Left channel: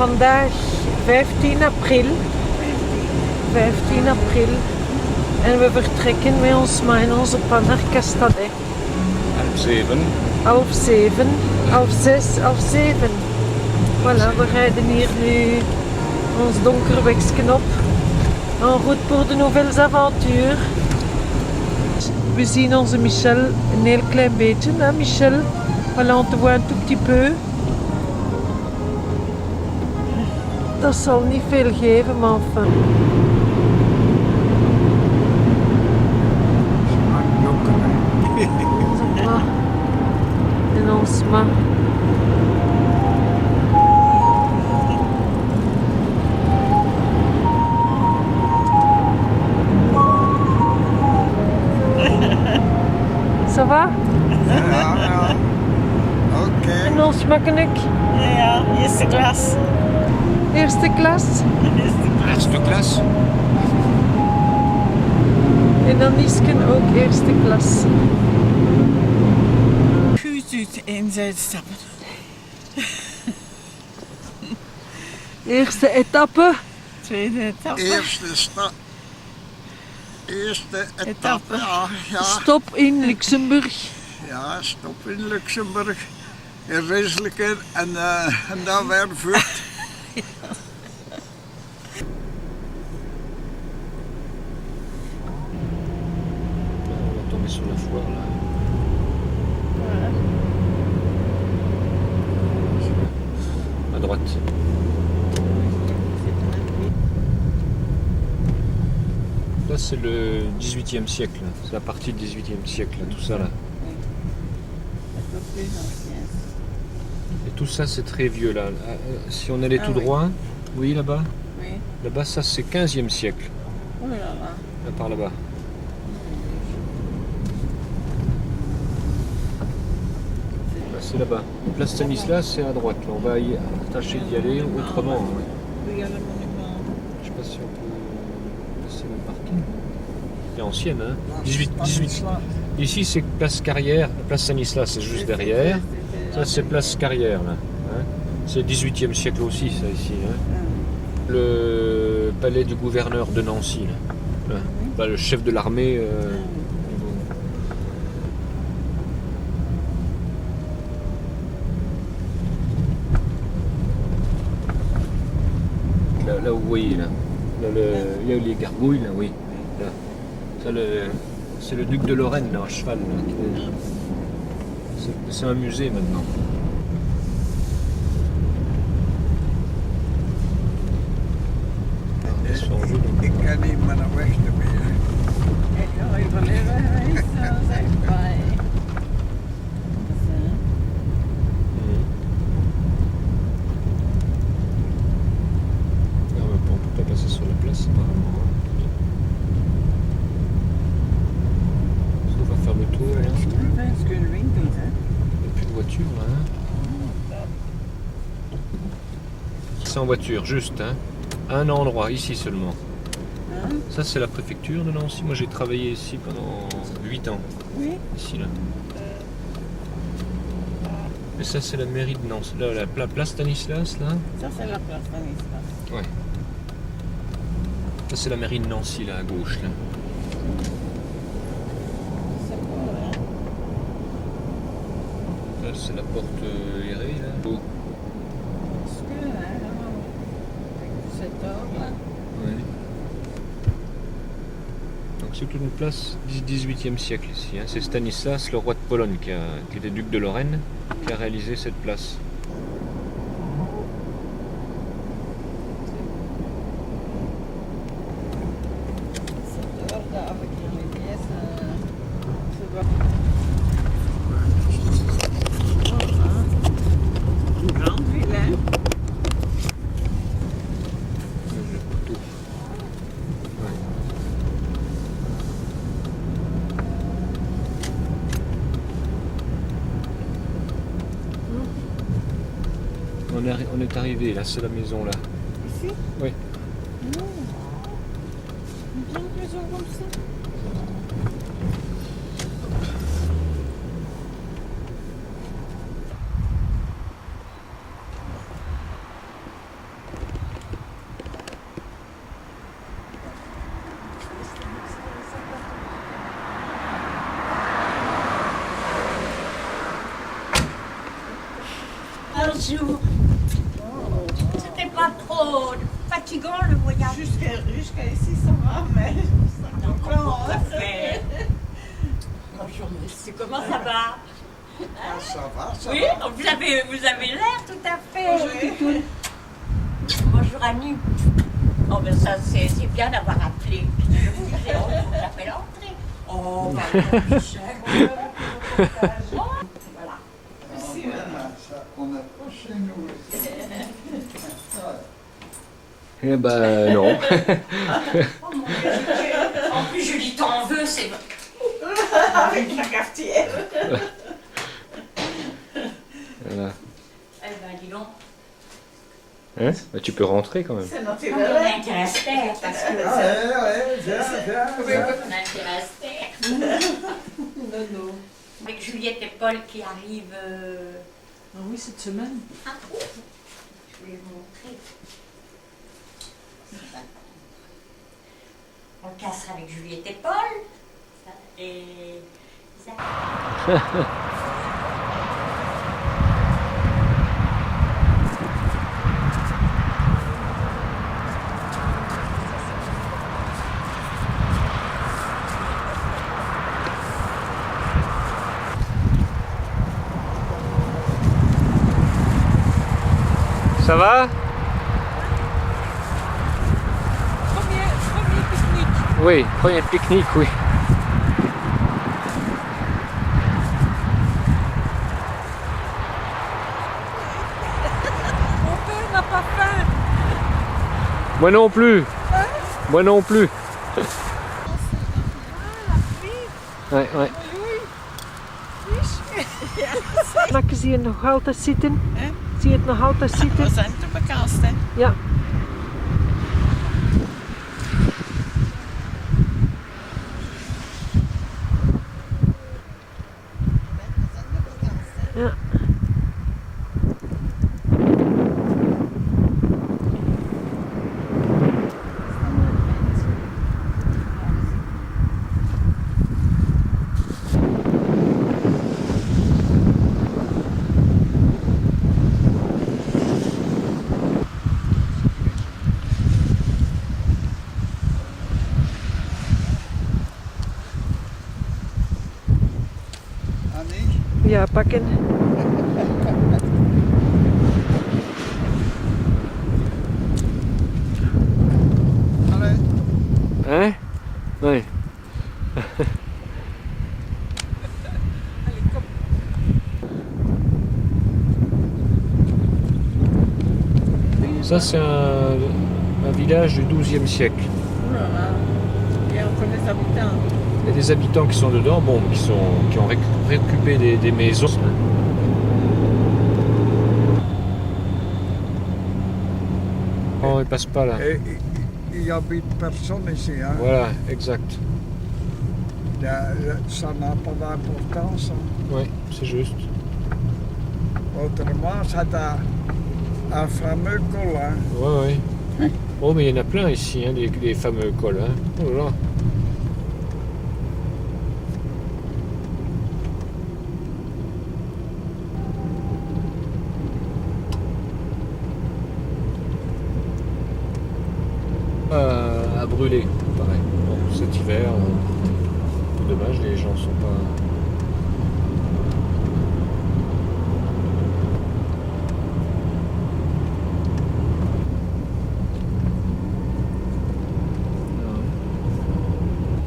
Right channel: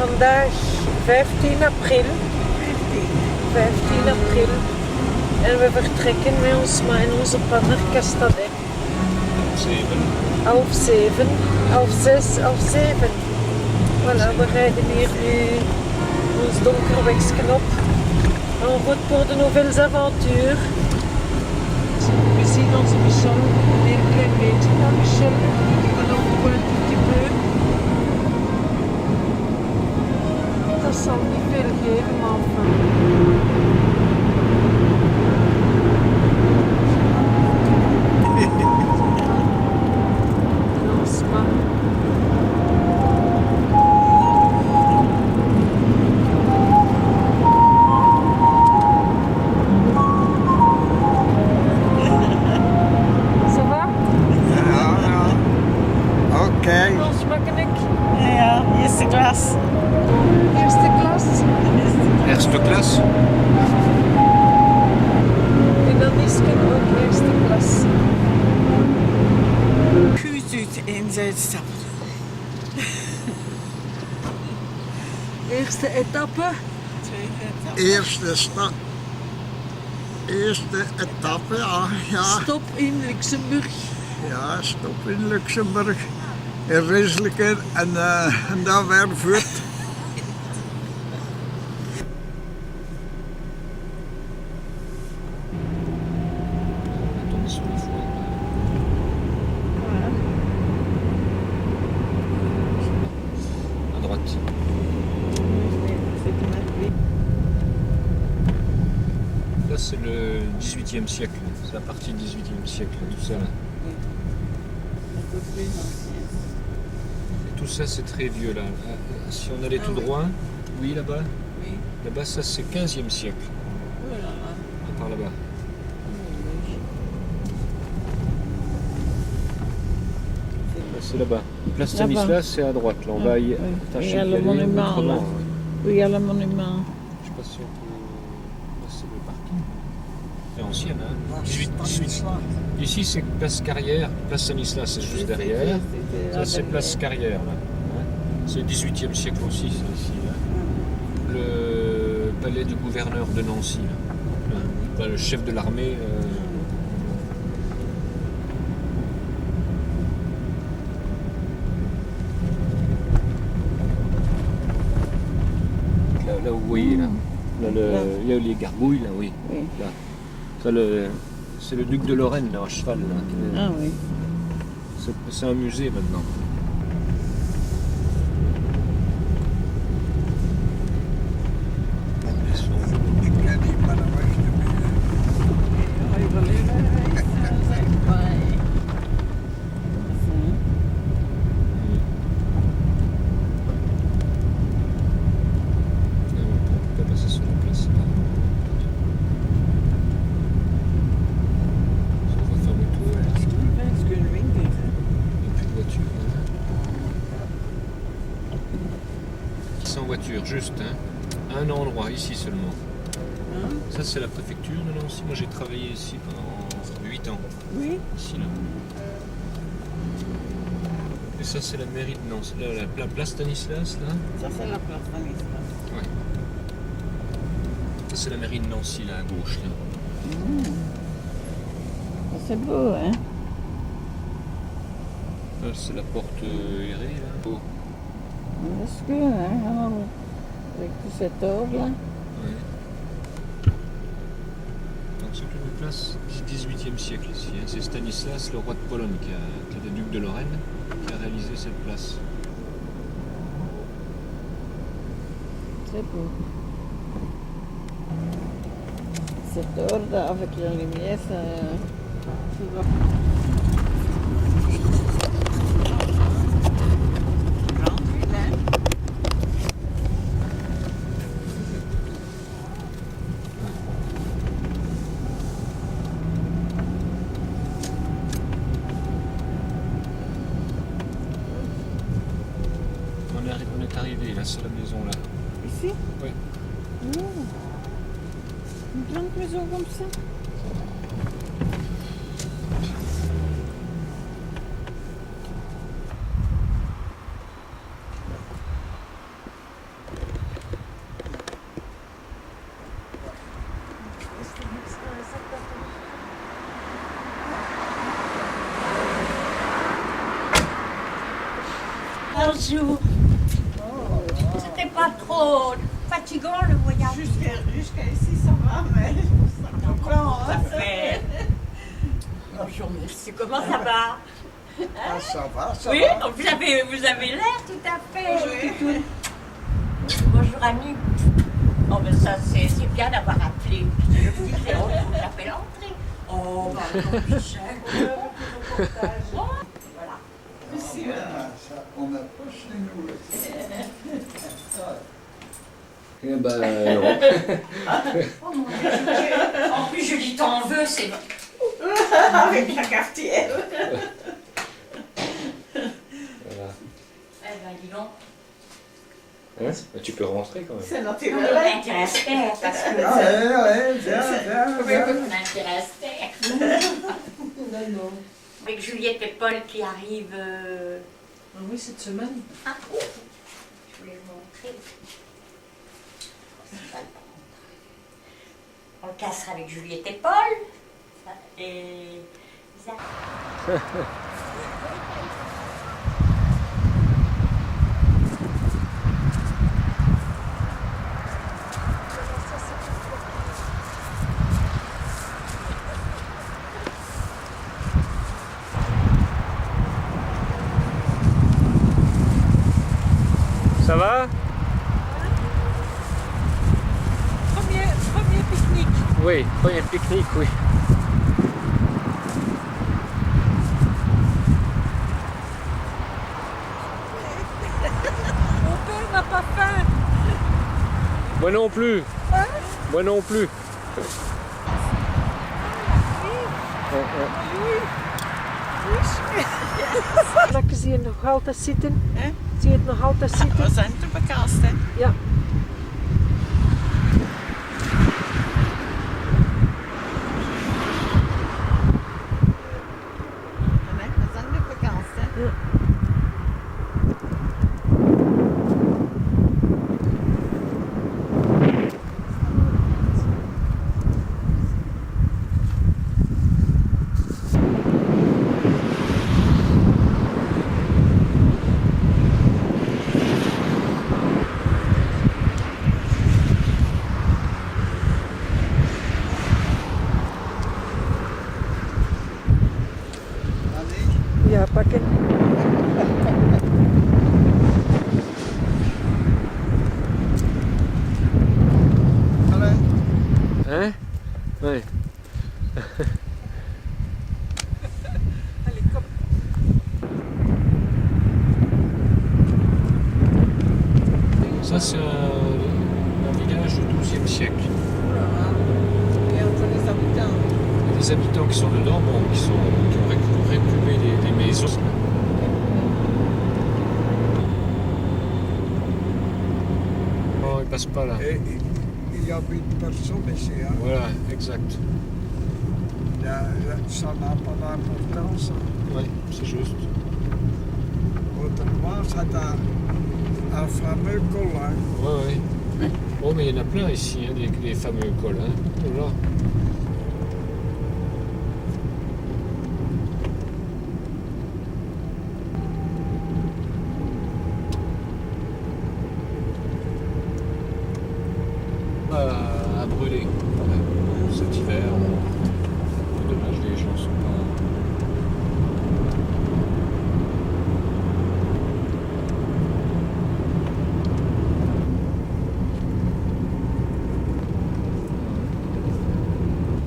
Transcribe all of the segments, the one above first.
vandaag 15 april. 15 april. En we vertrekken met ons ma in onze pan naar Castadet. 7. Half 7, half 6, half 7. Voilà, we rijden hier nu ons donker wegje op. En route pour de nouvelles aventures. We zien onze Michel een heel klein beetje, hè Michel? Voilà, on te voit un tout petit peu. Dat zal niet veel geven, maar enfin. En ons ma. Ça va? Ja. Oké. En ons makkelijk? Ja, eerste klas. Eerste klas. Eerste klas. En dan Isken ook eerste klas. Goed uit en uitstappen. Eerste etappe. Tweede etappe. Eerste etappe, ja. Stop in Luxemburg. Ja, stop in Luxemburg. In Rieselijke en dan weer voort. À droite. Là, c'est le 18e siècle. C'est la partie du 18e siècle, tout ça là. Et tout ça, c'est très vieux là. Si on allait tout droit, oui, là-bas. Oui. Là-bas, ça, c'est 15e siècle. Oh là là. Là, par là-bas. Là, c'est là-bas. Place Stanislas, c'est à droite. Là, on va y tâcher d'y aller autrement. Hein. Oui, il y a le monument. Je sais pas si on peut passer le parking. C'est ancienne, hein. 18. Ici, c'est place Carrière. Place Stanislas, c'est juste derrière. Ça, c'est place Carrière, là. Hein. C'est 18e siècle aussi, ça, ici. Hein. Le palais du gouverneur de Nancy. Là. Là, le chef de l'armée. Là où vous voyez, là. Il y a les gargouilles, là, oui. Là. Ça, c'est le duc de Lorraine, là, à cheval. Là. Ah oui. C'est un musée maintenant. Ik ken niet meer naar Westermeer. On peut pas passer sur la place. On va faire le tour. Est-ce que lui, Il n'y a plus de voiture. Hein. C'est en voiture, juste. Hein. À un endroit, ici seulement. Ça, c'est la préfecture de Nancy. Moi, j'ai travaillé ici pendant 8 ans. Oui. Ici, là. Et ça, c'est la mairie de Nancy. Là, la place Stanislas, là. Ça, c'est la place Stanislas. Ouais. Ça, c'est la mairie de Nancy, là, à gauche, là. C'est beau, hein? Là, c'est la porte Hérée, là. Beau. Est-ce que, hein? Avec tout cet ordre-là. Ouais. Donc, c'est une place du XVIIIe siècle ici. Hein. C'est Stanislas, le roi de Pologne, qui était duc de Lorraine, qui a réalisé cette place. C'est beau. Cet ordre avec la lumière, ça doit... Une grande ville, hein? On est arrivé, là, c'est la maison, là. Ici? Oui. Oh. Une grande maison comme ça? Bonjour. C'était pas trop fatigant le voyage. Jusqu'à ici, ça va, mais... Non, comment on va faire? Bonjour monsieur, comment ça va? Ah, ça va, ça Oui, va. vous avez l'air tout à fait. Oui. Bonjour Annie. Oh ben ça c'est bien d'avoir appelé. Je me disais, oh, il faut que j'appelle André. Oh, bah non, Michel. Bon, voilà. On n'a pas chez nous. Eh ben non. Oh mon Dieu, en plus je dis t'en veux, c'est... Avec la cafetière. Voilà. Eh ben dis donc. Hein? Bah, tu peux rentrer quand même. C'est On naturel. intéresse Terre, parce que... Ouais, viens, viens, viens. On intéresse Terre. Non. Avec Juliette et Paul qui arrivent... Ah oui, cette semaine. Ah, je voulais vous montrer. On va le prendre. On le cassera avec Juliette et Paul. Ça, et... Isaac. Ça va? Premier pique-nique. Oui, premier pique-nique, oui. Mon père n'a pas faim. Moi non plus. Moi non plus. Ouais, ouais. Maar zie je nog altijd zitten? Hè? Zie je het nog altijd zitten? We zijn te bekast, hè? Ja. We zijn te bekast, hè? Ja. Annie, Ja, pakken. allez. Hein? Oui. Allez, kom. Ça, c'est un village du XIIe siècle. Et on connaît les habitants. Il y a des habitants qui sont dedans, bon, qui ont réoccupé des maisons. Non, ils passent pas là. Et il n'y habite personne ici. Hein. Voilà, exact. Ça n'a pas d'importance. Hein. Oui, c'est juste. Autrement, c'est un fameux col. Hein. Ouais, ouais. Oh, mais il y en a plein ici, hein, des fameux cols. Hein. Oh là. À brûler, pareil. Bon, cet hiver, dommage, les gens sont pas.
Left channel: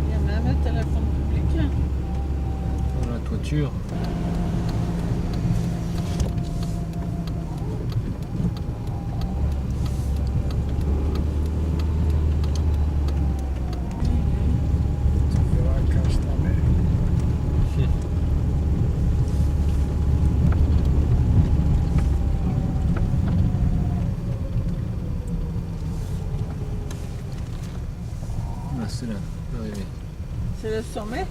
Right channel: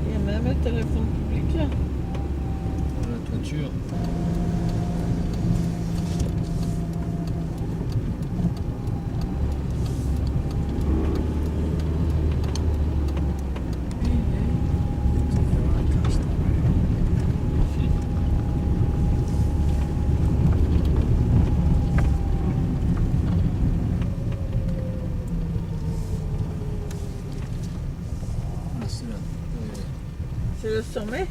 Il y a même un téléphone public, là. Dans la toiture. Tu verras quand je t'emmène. Ah, c'est là. Arrivé. C'est le sommet.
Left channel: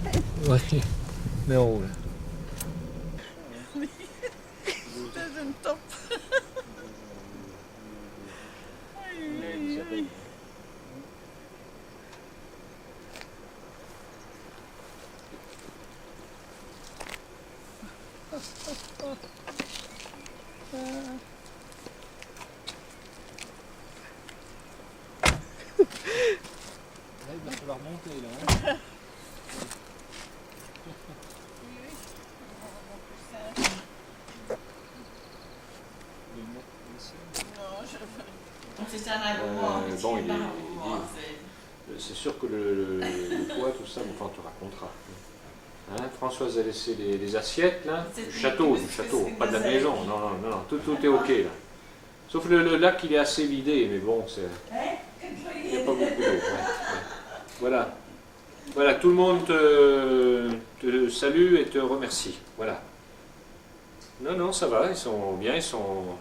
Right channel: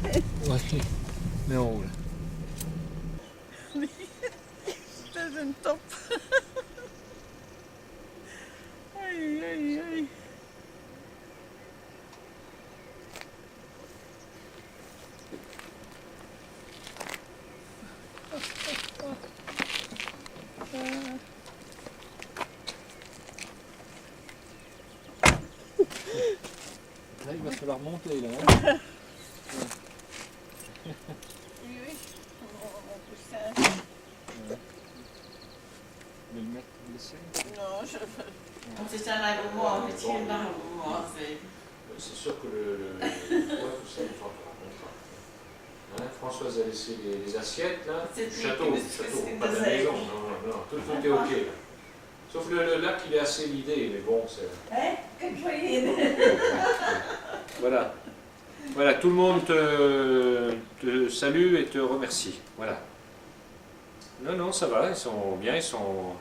Ouais, mais en haut là. C'est une top. Aïe, aïe, aïe. Là, il va falloir monter là. Oui, oui. On peut ça. De le mettre, laisser. Non, je veux. On fait ça un moment, mais bon, c'est pas un moment. C'est sûr que le poids, tout ça, une fois on te racontera. Hein, Françoise a laissé les assiettes là, du château, pas de la maison. Non, tout est ok là. Sauf le lac, il est assez vidé, mais bon, c'est. Hein? Comme Il y a joyeux. pas beaucoup d'eau, ouais. Voilà. Voilà, tout le monde te salue et te remercie. Voilà. Non, ça va, ils sont bien, ils sont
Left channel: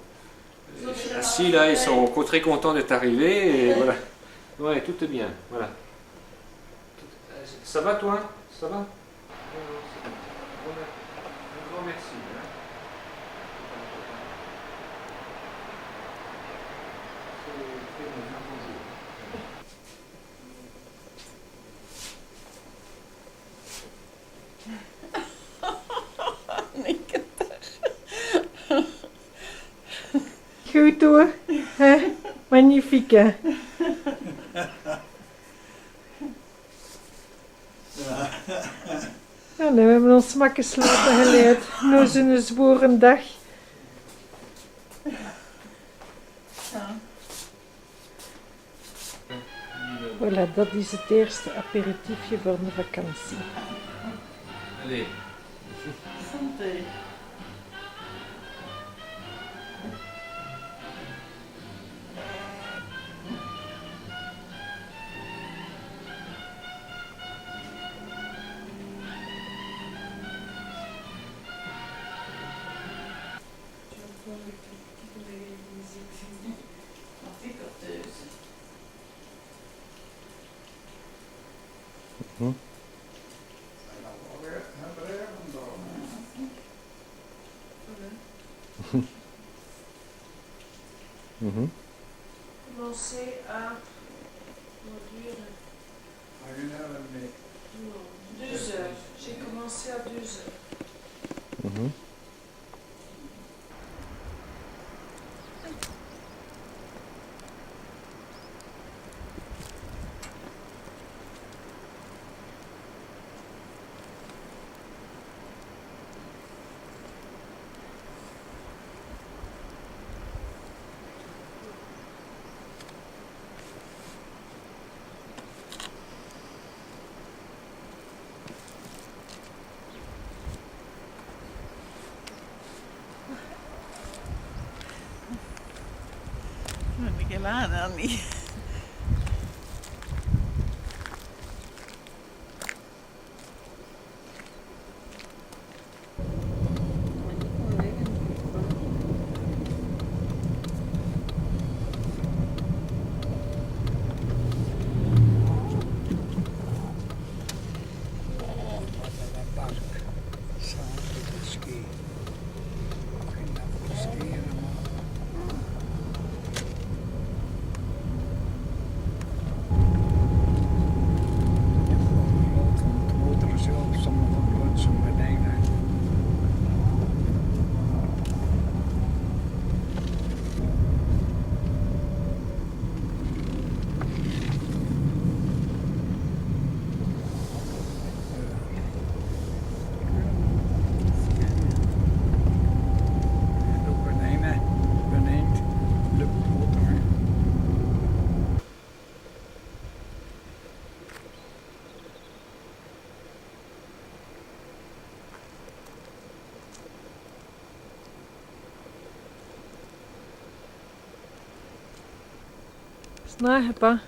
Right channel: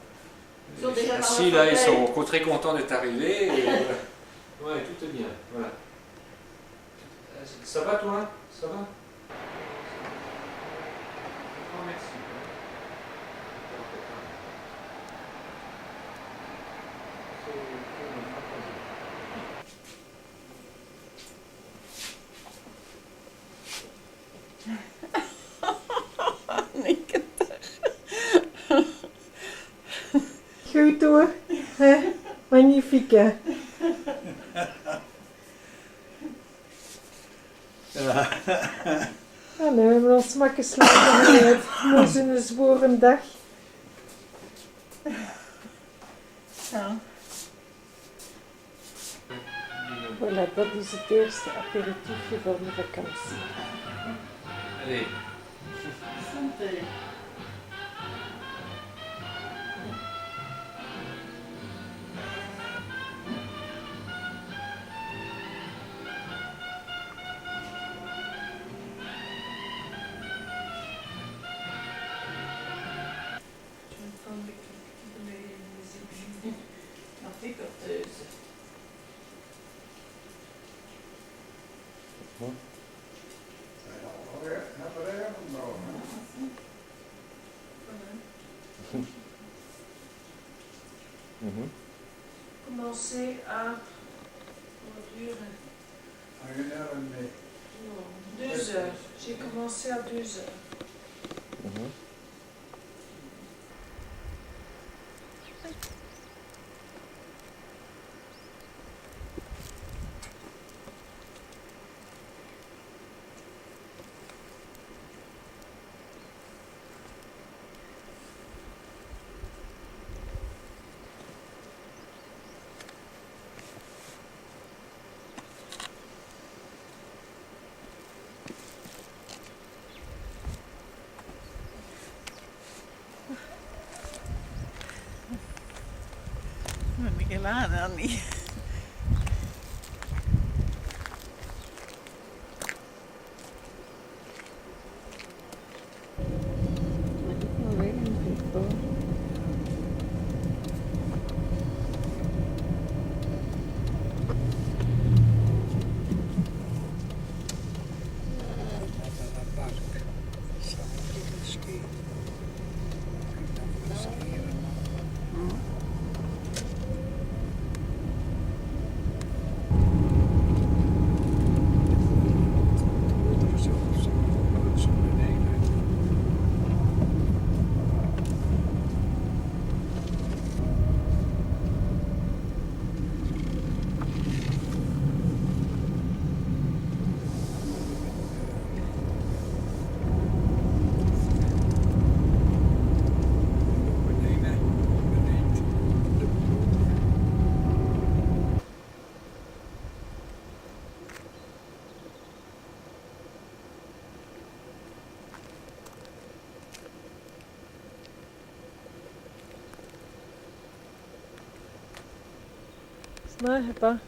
assis là, ils sont très contents d'être arrivés. Et voilà. Ouais, tout est bien. Voilà. Ça va toi? Ça va? Un grand merci. Goed hoor. Magnifique. Nou, we hebben ons makken slapen geleerd. Nu is een zworen dag. Ja. Voilà, dat is het eerste aperitiefje voor de vakantie. Allez. Santé. Anticorteuse. Commencer à produire. Non, 2 heures. J'ai commencé à 2 heures. Ben ik helaas dan niet. Snaag pas.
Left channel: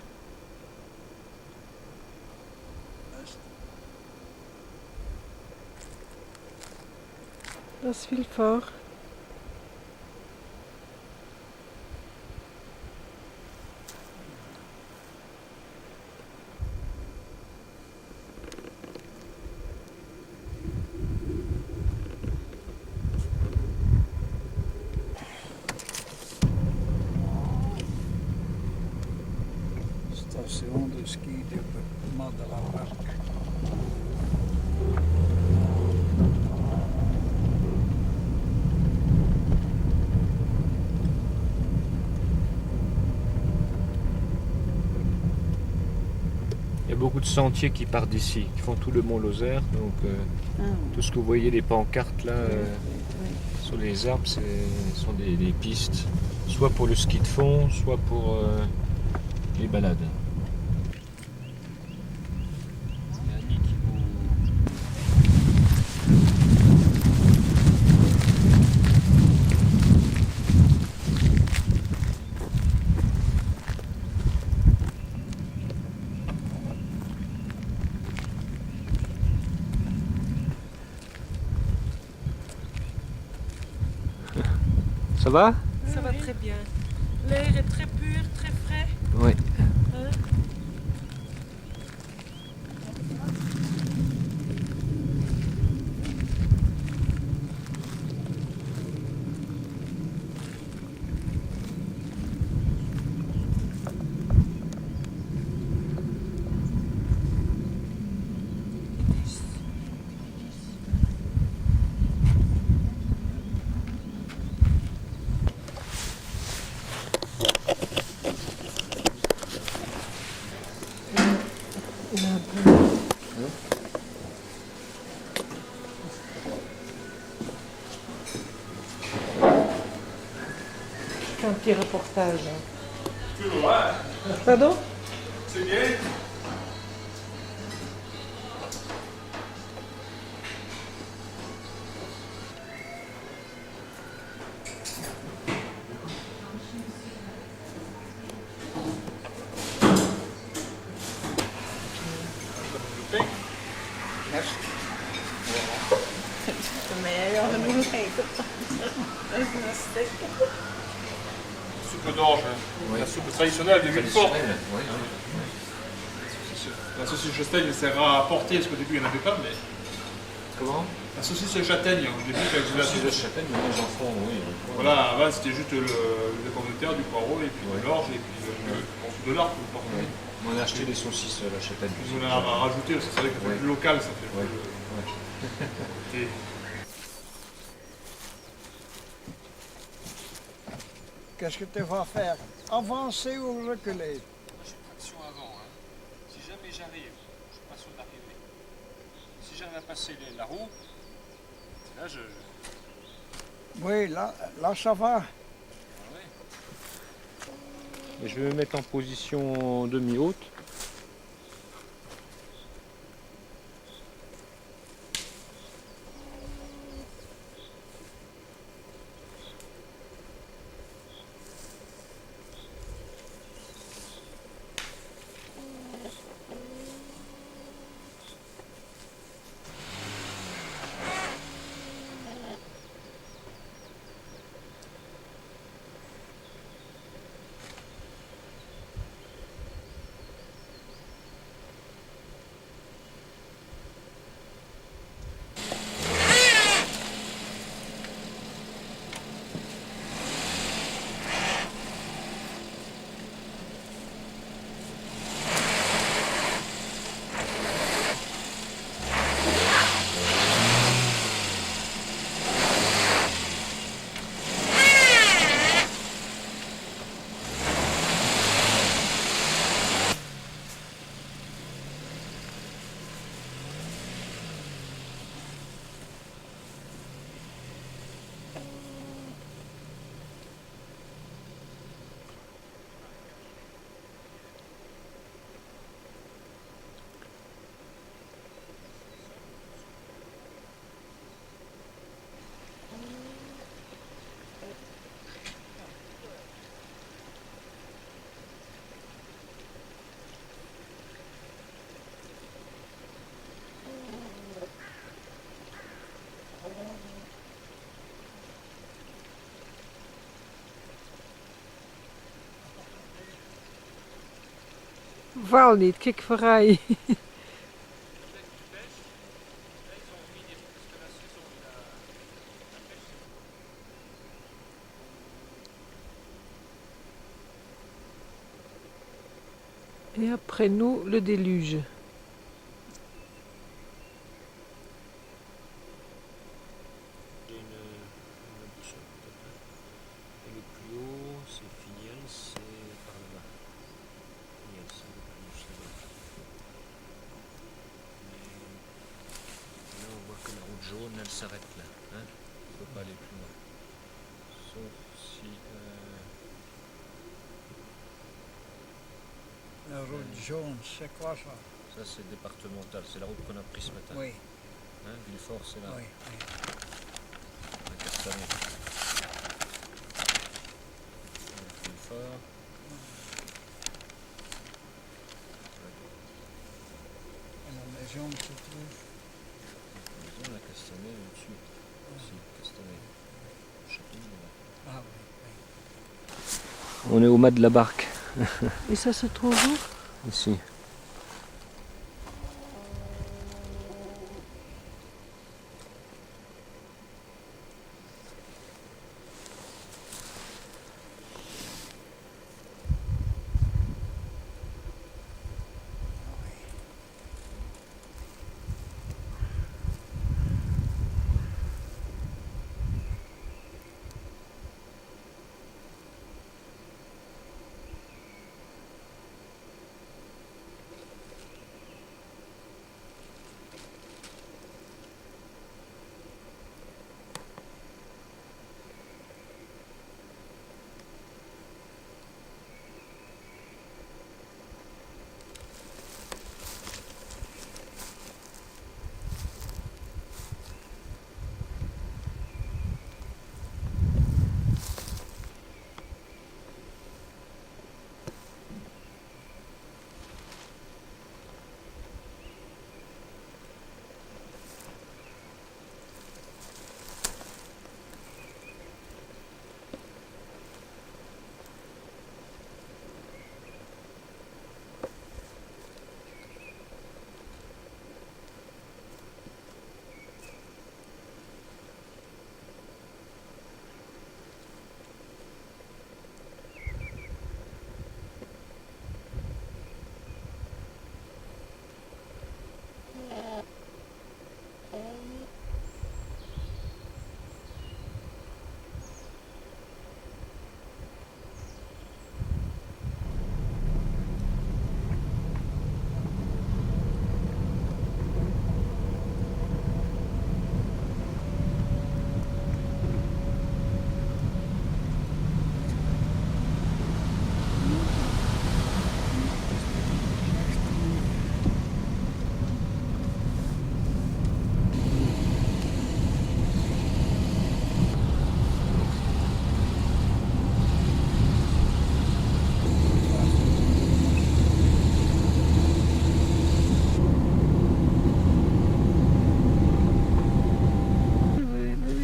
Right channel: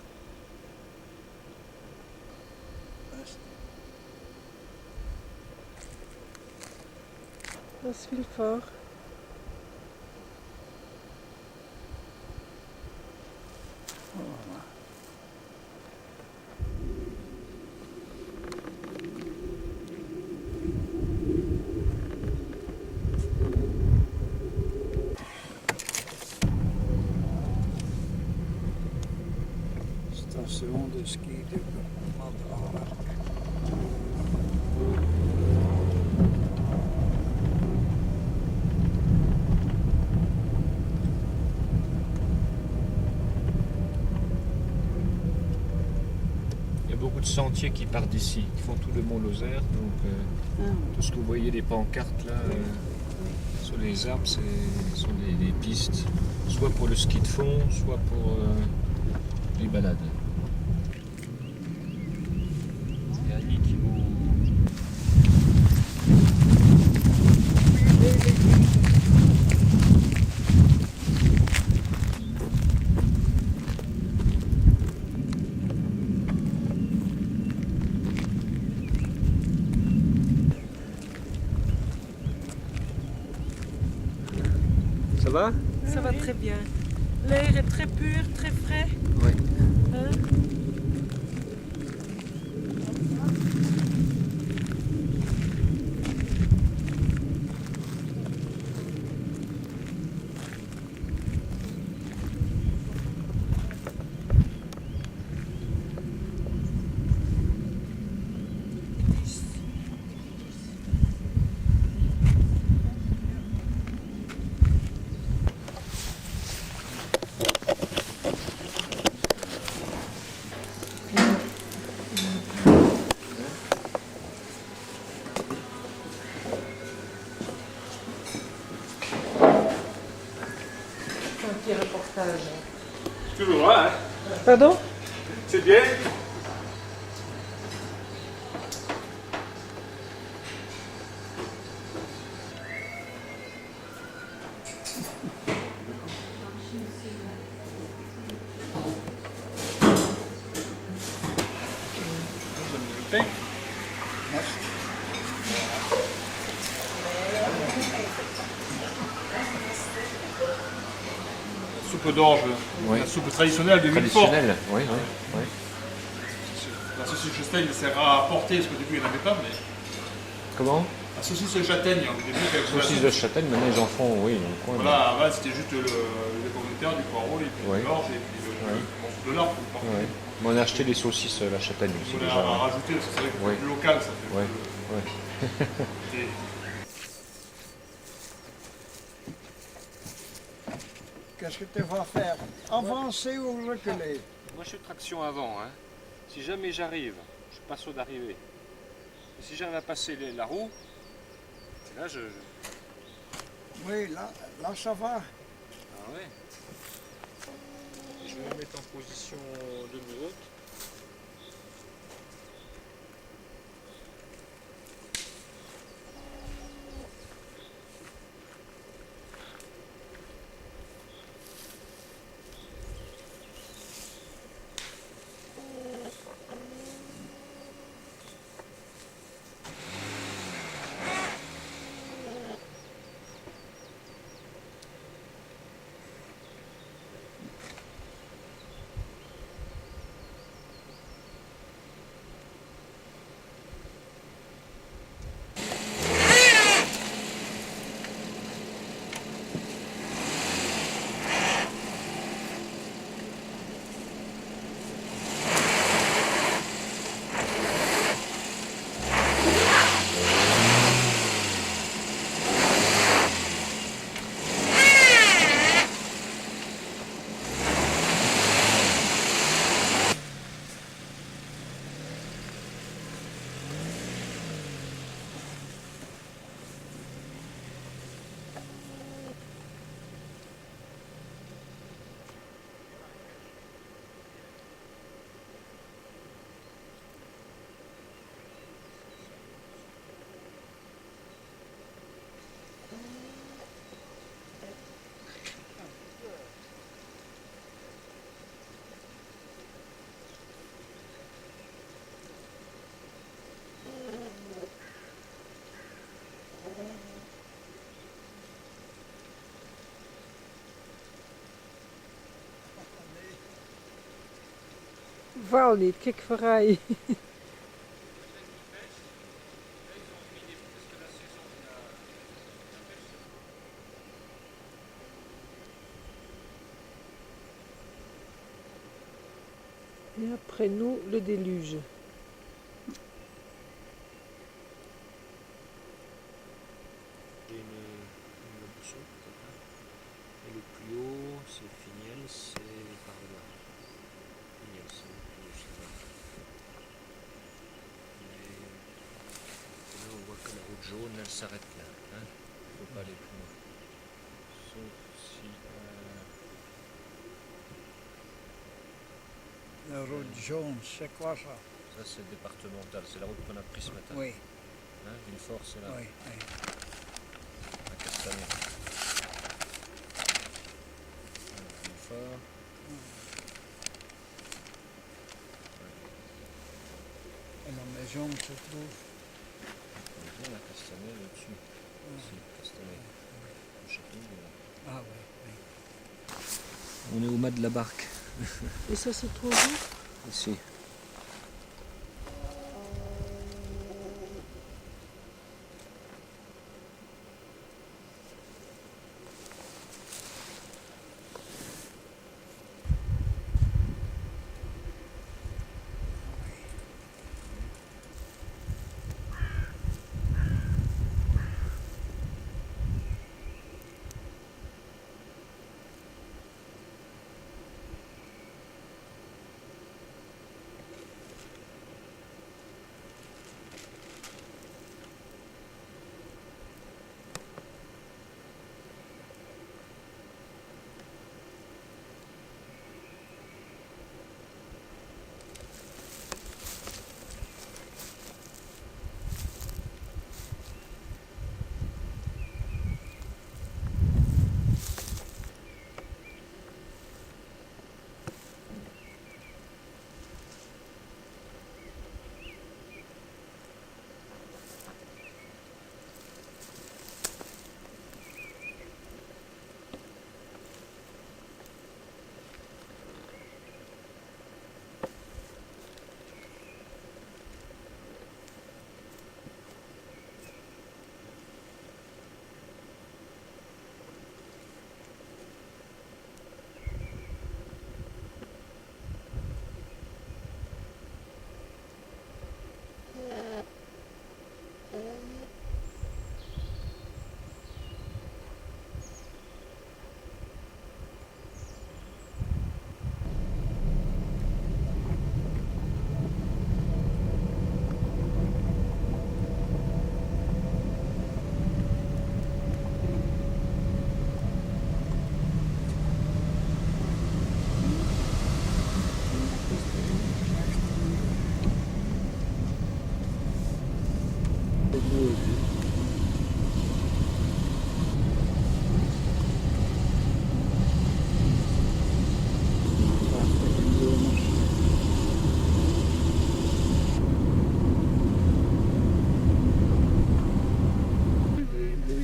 Dat is veel voor. Station de ski op de Madelaarpark. de sentiers qui partent d'ici, qui font tout le mont Lozère. Donc tout ce que vous voyez, les pancartes là, sur les arbres, ce sont des pistes, soit pour le ski de fond, soit pour les balades. C'est Annie qui vous... Ça va? Ça va très bien. L'air est très pur, très frais. Oui. Hein? Un petit reportage. Toujours là, hein. Pardon? C'est bien. Soupe d'orge, la soupe traditionnelle de Villefort. Traditionnel, oui. La saucisse châtaigne sert à apporter, parce qu'au début il n'y en avait pas, mais Comment? la saucisse châtaigne, au début avec de la Saucisse soupe. de châtaigne, maintenant ils en font, oui. ils en font. Voilà, avant c'était juste les pommes de terre, du poireau, et puis Ouais. de l'orge, et puis le morceau de lard pour le porter. Ouais. Mais on a acheté des saucisses à la châtaigne. On a rajouté, parce que c'est vrai que c'est Ouais. plus local, ça fait Ouais. Et Qu'est-ce que tu vas faire? Avancer ou reculer? Moi je suis traction avant. Hein. Si jamais j'arrive, je suis pas sûr d'arriver. Et si j'arrive à passer la roue, et là je... Oui, là ça va. Ah ouais. Et je vais me mettre en position demi-haute. Val niet, kijk vooruit. Et après nous, le déluge. J'ai une boussole peut-être. Et le plus haut, c'est Finiel, c'est par là-bas. Finiel, c'est un peu plus là-bas. Et là, on voit que la route jaune, elle s'arrête là. Hein, il ne faut pas aller plus loin. Sauf si... La route jaune, c'est quoi ça? ça, c'est départemental. C'est la route qu'on a prise ce matin. Oui, Hein, Villefort, c'est là. oui, oui. À Castanet. Voilà, Villefort. Et la maison se trouve. Maison, la Castanet, au-dessus. Ici, Castanet. Le château, il est là. Ah oui, oui. On est au mât de la barque. Et ça se trouve où? Ici.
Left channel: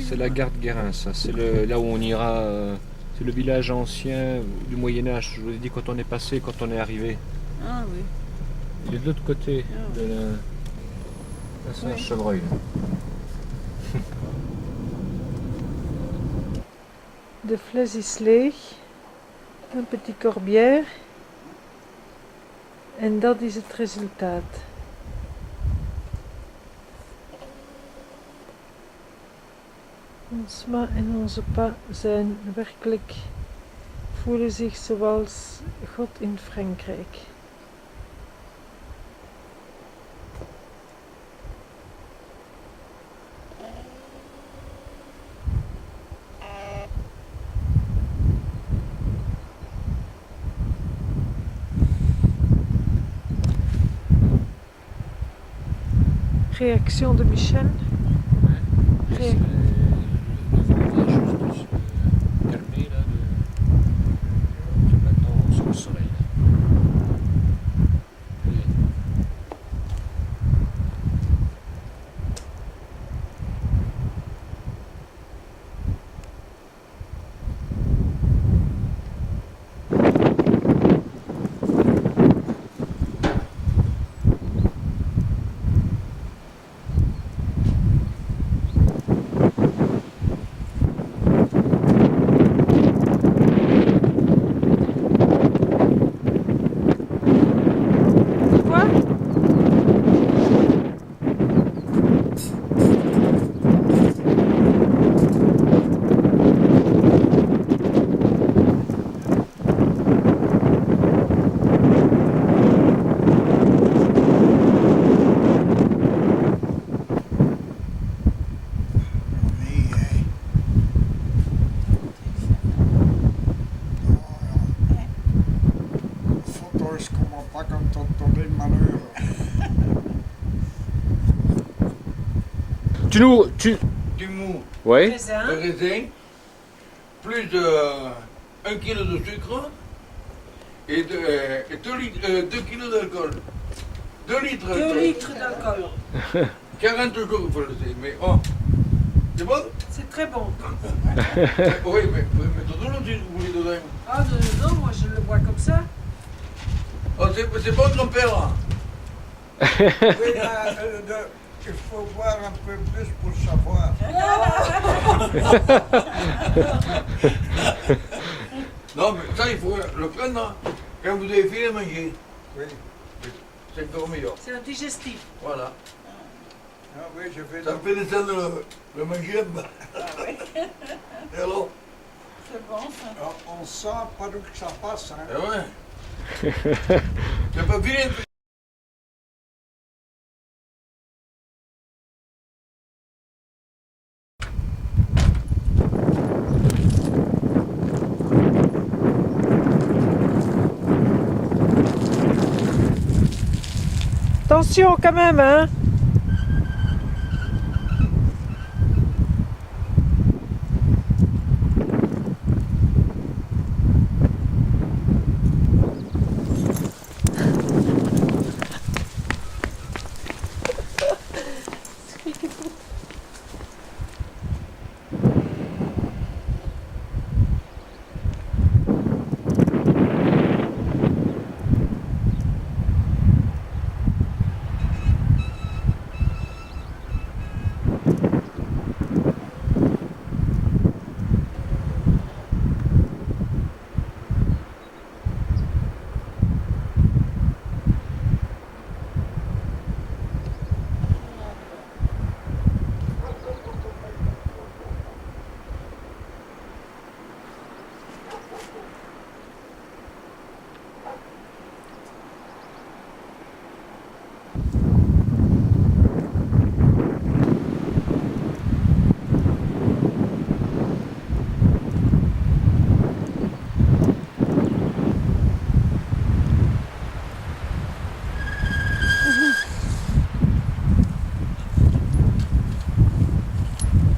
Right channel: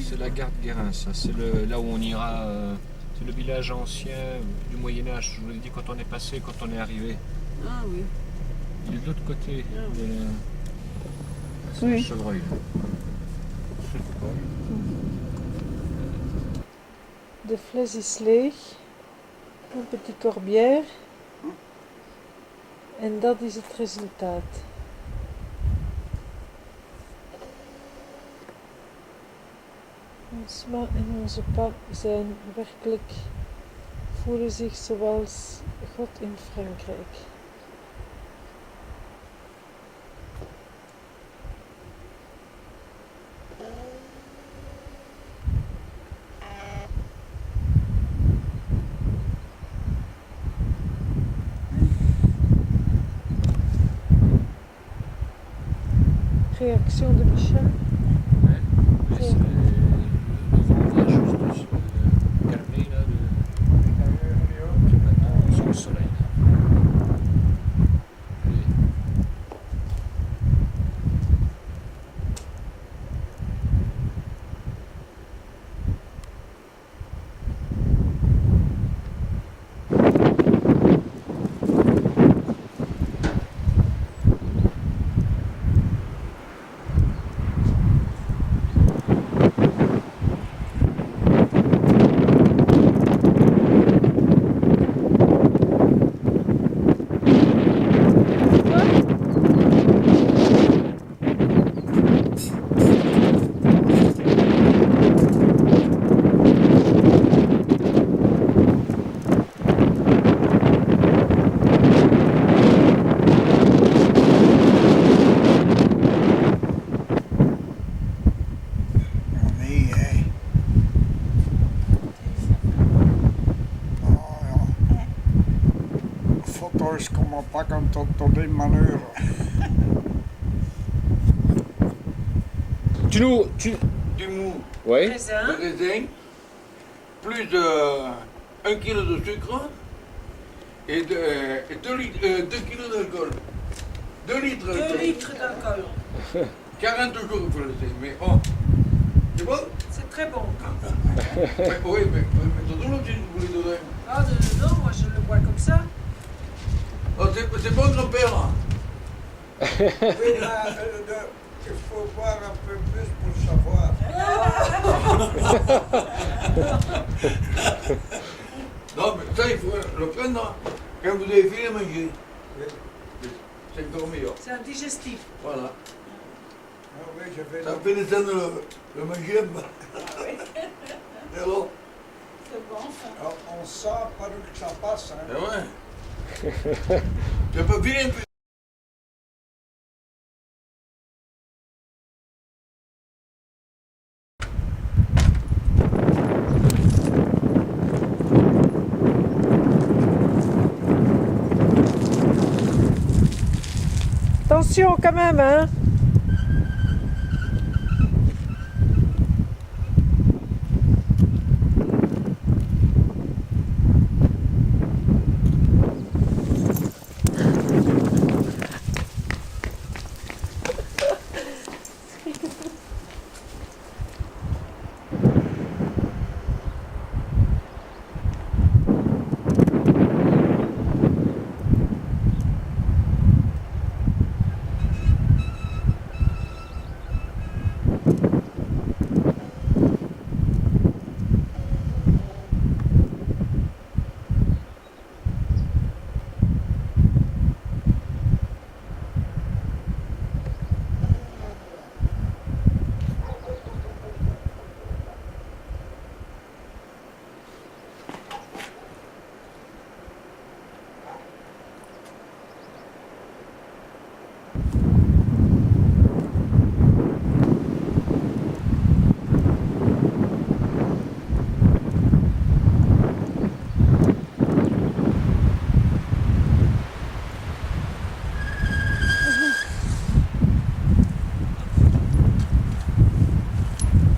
C'est la gare de Guérin, ça. C'est là où on ira. C'est le village ancien du Moyen-Âge. Je vous ai dit quand on est passé, quand on est arrivé. Ah oui. Il est de l'autre côté. Ah, De la... Ah, c'est oui. un chevreuil. Là. De fles is leeg. Een petit corbière. En dat is het resultaat. Ons ma en onze pa zijn werkelijk, voelen zich zoals God in Frankrijk. Réaction de Michel. Hein? Ré- Le vent vient juste de se calmer là. Donc maintenant on sent le soleil. Là. Oui. Quoi? Nee, hè. Oh ja. Foto's komen pakken tot in mijn euro. Du mou, Ouais. de Raisin. raisin, plus de 1 kilo de sucre et 2 kilos d'alcool. 2 litres 2 d'alcool. litres d'alcool. 40 jours il faut laisser, mais oh, c'est bon? C'est très bon. Oui, mais vous mettez tout le vous voulez dedans. Ah non, moi je le bois comme ça. Oh, c'est bon grand-père. Oui, il faut voir un peu plus pour savoir. Non, mais ça il faut le prendre quand vous avez fini de manger. Oui. C'est encore meilleur. C'est un digestif. Voilà. Ah oui, je vais Ça me fait descendre le manger. Et alors? C'est bon ça. On sent pas d'où que ça passe. Hein. Eh ouais. J'ai pas fini. Attention quand même, hein.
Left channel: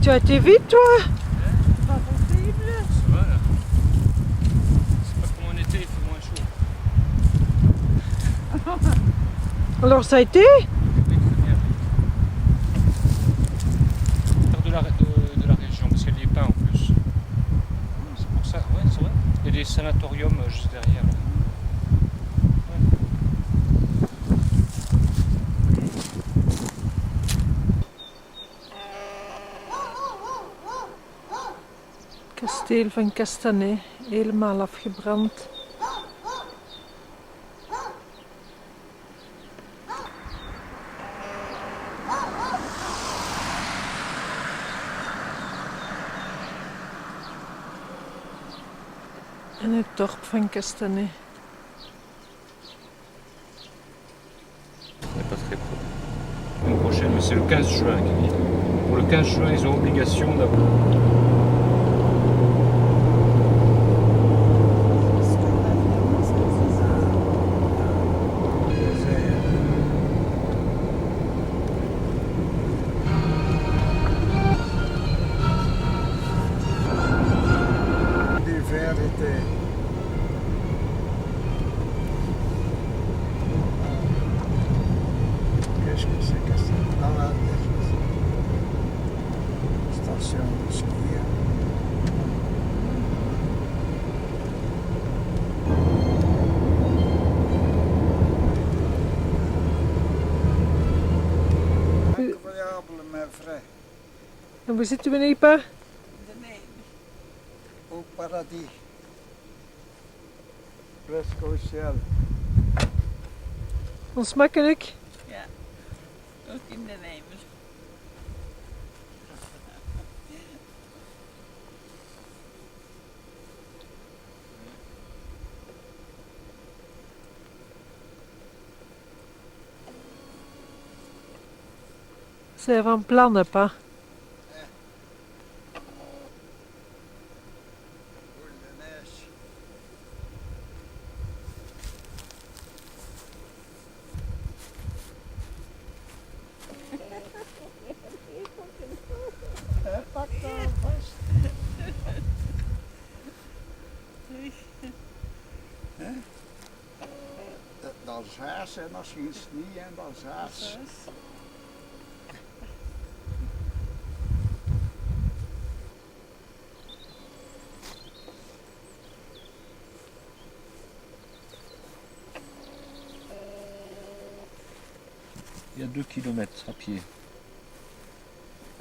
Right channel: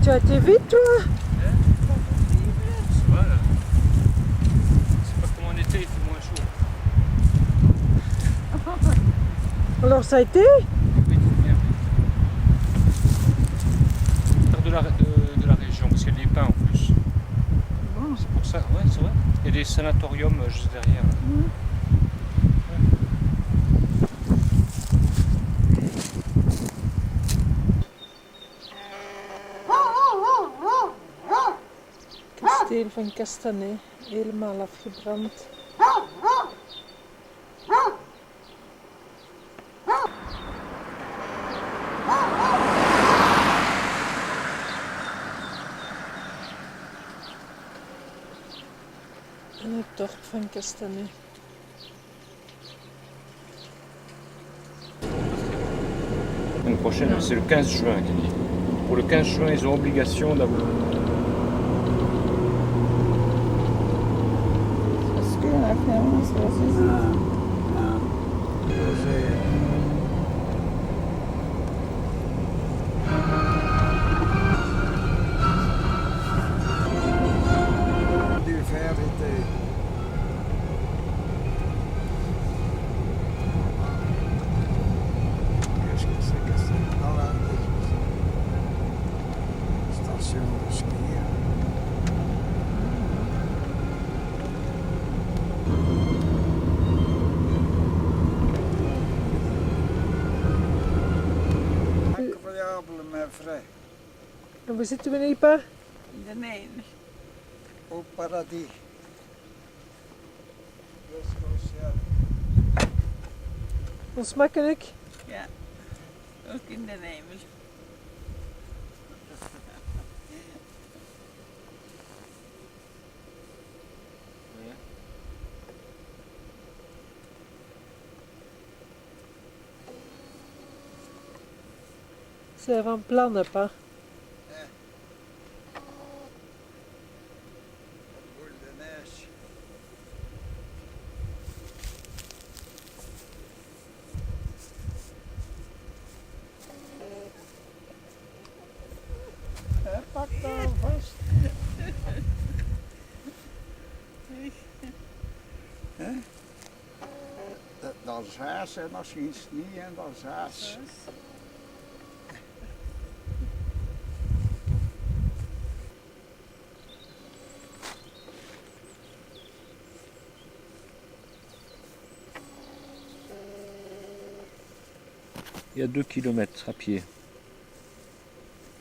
Tu as été vite, toi? Ça va là. C'est pas comme en été, il fait moins chaud. Alors ça a été? Mais oui, très bien, oui. De la région, parce qu'il y a des pins en plus. C'est pour ça, ouais, c'est vrai. Il y a des sanatoriums juste derrière là. Kasteel van Castanet, helemaal afgebrand. En het dorp van Castanet. L'année prochaine, c'est le 15 juin qui dit. Pour le 15 juin, ils ont obligation d'avoir. Est-ce que la ferme, c'est Die vérité. Qu'est-ce que c'est que ça? Dans la station de ski. Incroyable, mais vrai. En waar zitten we nu, pa? in de neem. Au paradis. Presque au ciel. Onsmakelijk? Ja, ook in de neem. Zijn van plannen, pa? daar vast. Hè? Dat is haas en dat is geen snie en dat is haas. Il y a 2 kilomètres à pied.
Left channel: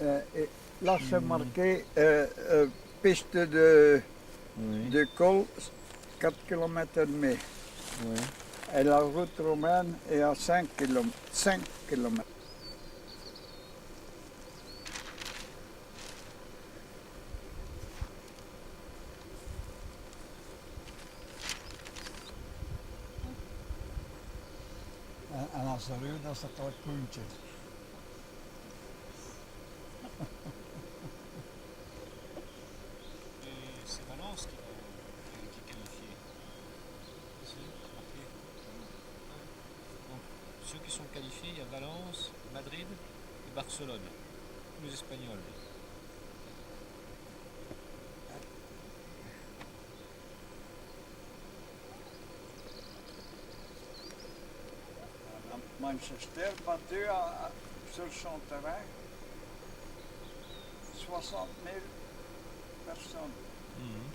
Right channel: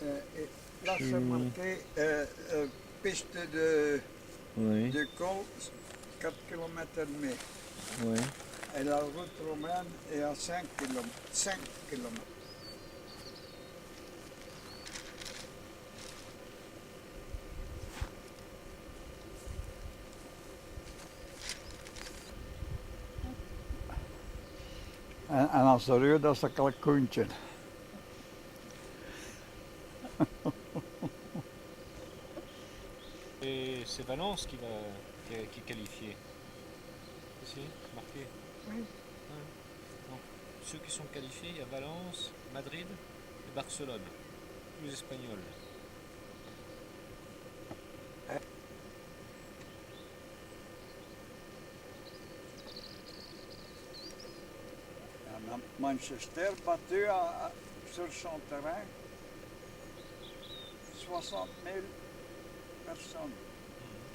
Là c'est marqué piste Oui, de col 4 km et demi. oui. Et la route romaine est à 5 km. 5 km. En als de reur, dat is een kalkoentje. Et c'est Valence qui est qualifié. Ici, c'est marqué. Oui. Ouais. Donc, ceux qui sont qualifiés, il y a Valence, Madrid et Barcelone. Tous les Espagnols. En Manchester battu sur son terrain 60 000 personnes. Mhm.